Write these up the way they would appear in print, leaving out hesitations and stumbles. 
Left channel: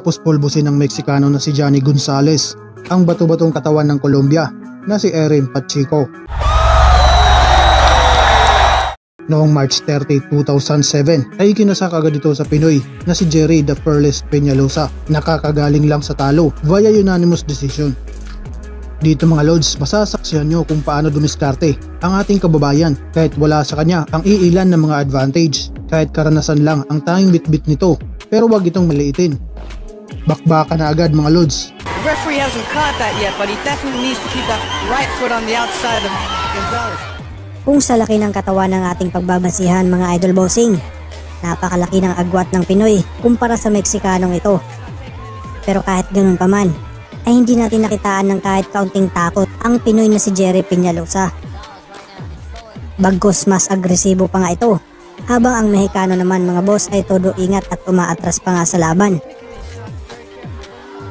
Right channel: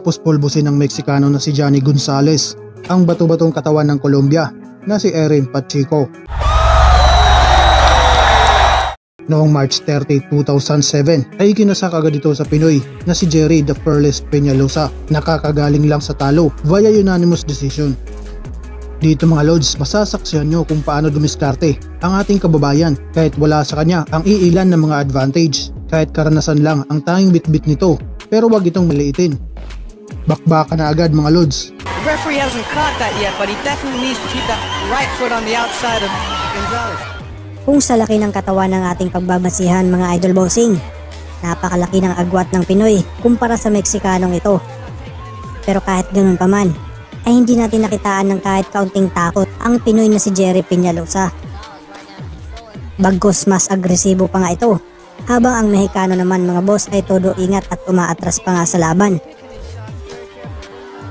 matapos pulbusin ng Meksikano na si Johnny Gonzalez ang bato-batong katawan ng Colombia na si Erin Pacheco. Noong March 30, 2007 ay ikinasak agad ito sa Pinoy na si Jerry the Fearless Peñalosa, nakakagaling lang sa talo via unanimous decision. Dito mga Lods, masasaksiyan nyo kung paano dumiskarte ang ating kababayan kahit wala sa kanya ang iilan ng mga advantage, kahit karanasan lang ang tanging bitbit nito, pero wag itong maliitin. Bakbaka na agad mga Lods. The referee hasn't caught that yet, but he definitely needs to keep that right foot on the outside of Gonzalez. Kung sa laki ng katawan ng ating pagbabasihan mga idol bossing, napakalaki ng agwat ng Pinoy kumpara sa Meksikanong ito. Pero kahit ganun pa man, ay hindi natin nakitaan ng kahit kaunting takot ang Pinoy na si Jerry Peñalosa. Bagkus mas agresibo pa nga ito, habang ang Mexicano naman mga boss ay todo ingat at umaatras pa nga sa laban.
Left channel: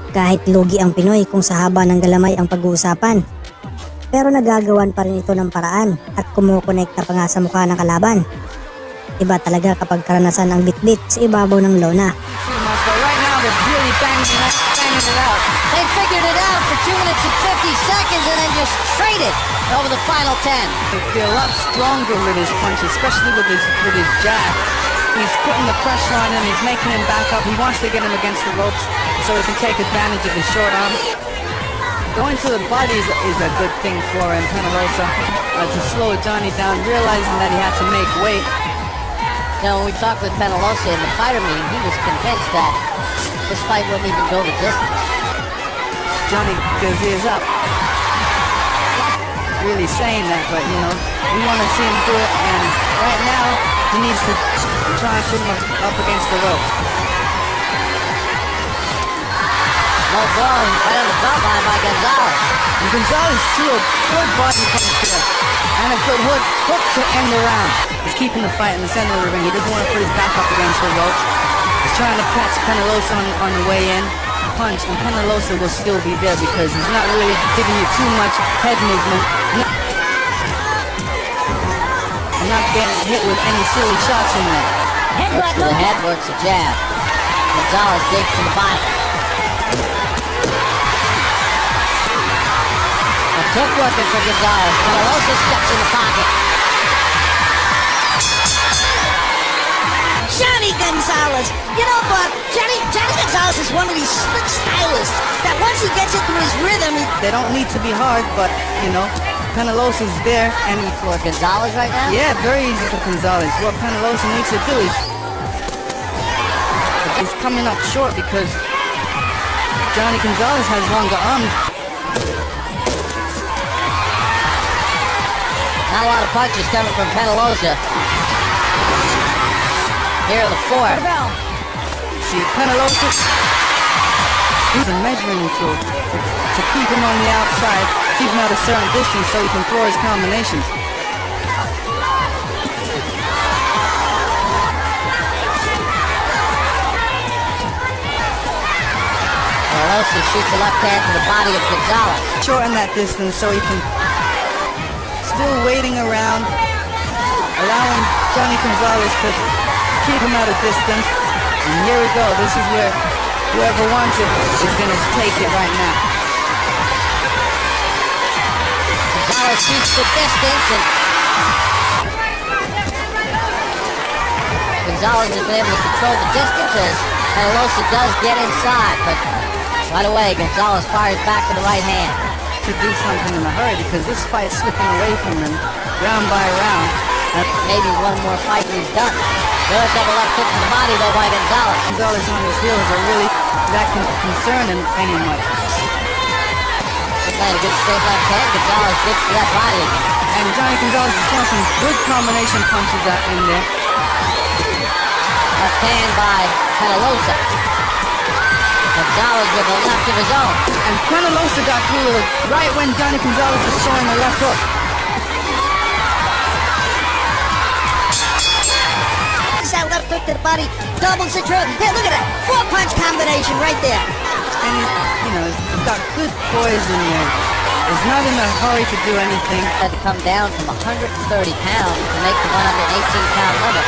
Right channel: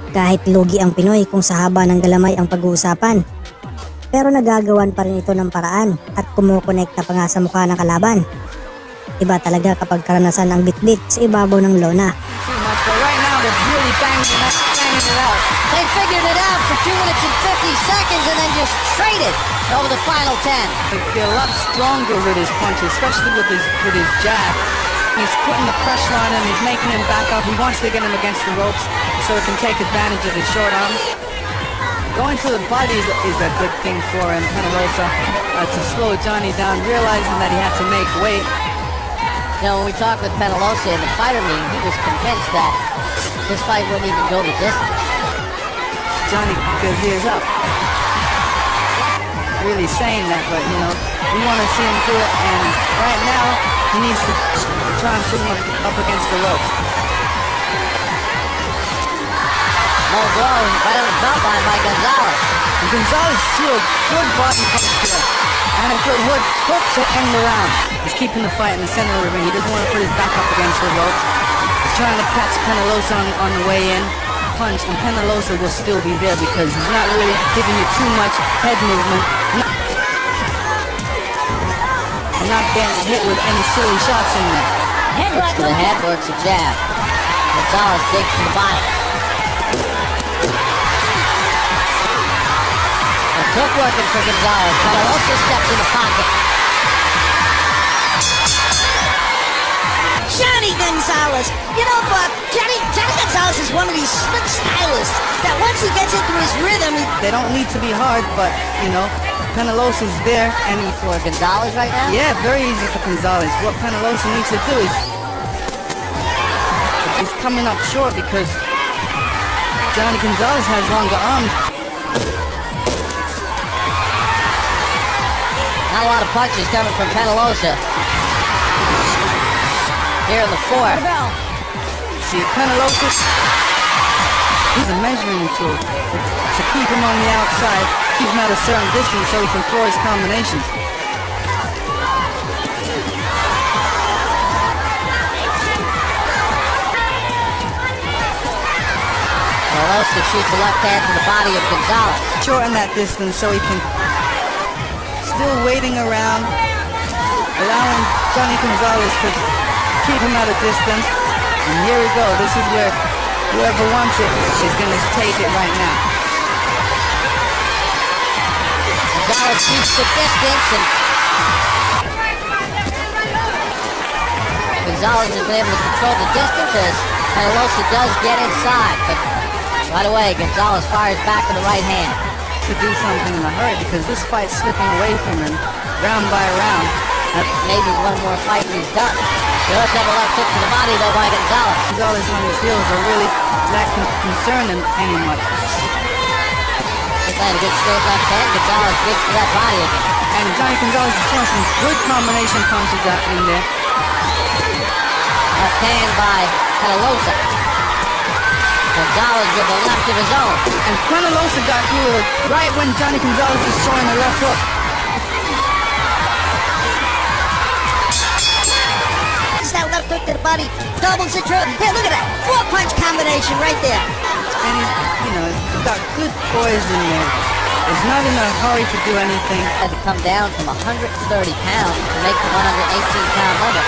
Kahit lugi ang Pinoy kung sa haba ng galamay ang pag-uusapan, pero nagagawan pa rin ito ng paraan at kumukonekta pa nga sa mukha ng kalaban. Iba talaga kapag karanasan ang bitbit sa ibabaw ng lona. They figured it out for 2 minutes and 50 seconds and then just traded over the final 10. They're a lot stronger with his punch, especially with his jab. He's putting the pressure on him, he's making him back up. He wants to get him against the ropes so he can take advantage of his short arms. Going to the body is a good thing for him, Peñalosa, to slow Johnny down, realizing that he had to make weight. Now, when we talked with Peñalosa in the fighter meet, he was convinced that this fight wouldn't even go the distance. Johnny is his up. Really saying that, but we want to see him do it, and right now, he needs to try and put him up against the ropes. Gonzalez too, good body punch there, and a good hook to end around. He's keeping the fight in the center of the ring. He doesn't want to put his back up against the ropes. He's trying to catch Peñalosa on the way in. Punch, and Peñalosa will still be there because he's not really giving you too much head movement. He's not getting hit with any silly shots in him. Works the head, works the jab. Gonzalez digs the body. Good working for Gonzalez, but it also steps in the pocket. Johnny Gonzalez! You know, Bob, Johnny Gonzalez is one of these slick stylists that once he gets into his rhythm... They don't need to be hard, but, Peñalosa's there. I mean, for Gonzalez right now? Yeah, very easy for Gonzalez. What Peñalosa needs to do is... He's coming up short because Johnny Gonzalez has longer arms. Not a lot of punches coming from Peñalosa. Here are the 4. See, Peñalosa is a measuring tool to keep him on the outside, keep him at a certain distance so he can throw his combinations. Peñalosa shoots the left hand to the body of Gonzalez. Shorten that distance so he can still waiting around, allowing Johnny Gonzalez to keep him at a distance. And here we go. This is where whoever wants it is going to take it right now. Gonzalez keeps the distance, and Gonzalez has been able to control the distances. Peñalosa does get inside, but right away, Gonzalez fires back to the right hand. To do something in a hurry because this fight is slipping away from him round by round. And maybe one more fight and he's done. He does take a little cut to the body though by Gonzalez. Gonzalez on his heels are really that can concern him anymore. Again, good straight left head. Gonzalez beats the left body. And Johnny Gonzalez is taking some good combination punches out in there. Left hand by Peñalosa. Gonzalez with a left of his own. And Peñalosa got through right when Johnny Gonzalez was throwing a left hook. That left hook to the body doubles the drill. Yeah, look at that. 4-punch combination right there. And he's got good poise in there. He's not in a hurry to do anything. Had to come down from 130 pounds to make the 118-pound limit.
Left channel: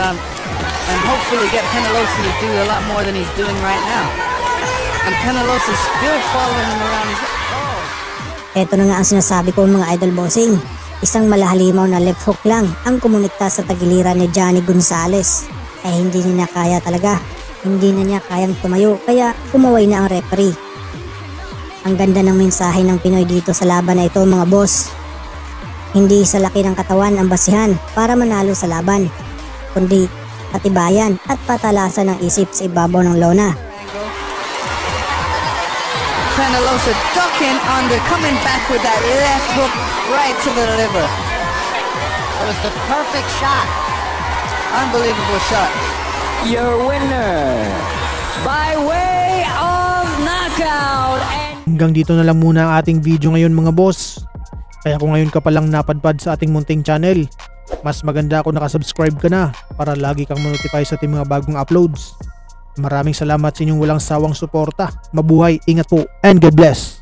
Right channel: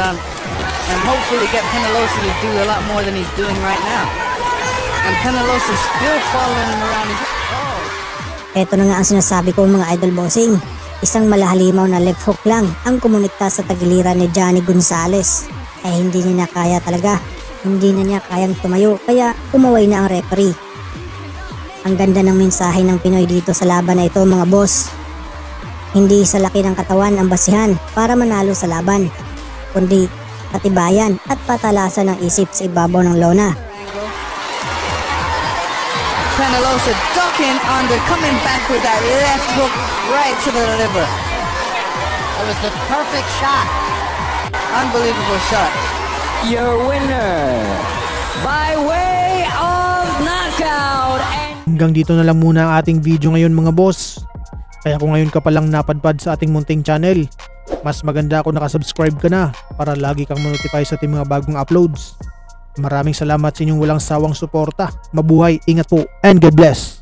and hopefully get Penelosa to do a lot more than he's doing right now. And Penelosa still following him around his Ito na nga ang sinasabi ko mga idol bossing. Isang malahalimaw na left hook lang ang kumonekta sa tagiliran ni Johnny Gonzalez. Ay hindi niya kaya talaga. Hindi na niya kayang tumayo kaya umaway na ang referee. Ang ganda ng mensahe ng Pinoy dito sa laban na ito mga boss. Hindi sa laki ng katawan ang basihan para manalo sa laban, kundi patibayan at patalasan ng isip sa ibabaw ng lona. Penelosa ducking under, coming back with that left hook right to the liver. It was the perfect shot. Unbelievable shot. Your winner by way of knockout. Hanggang dito na lang muna ang ating video ngayon mga boss. Kaya kung ngayon ka palang napadpad sa ating munting channel, mas maganda kung nakasubscribe ka na para lagi kang ma-notify sa ating mga bagong uploads. Maraming salamat sa inyong walang sawang suporta. Mabuhay, ingat po, and God bless!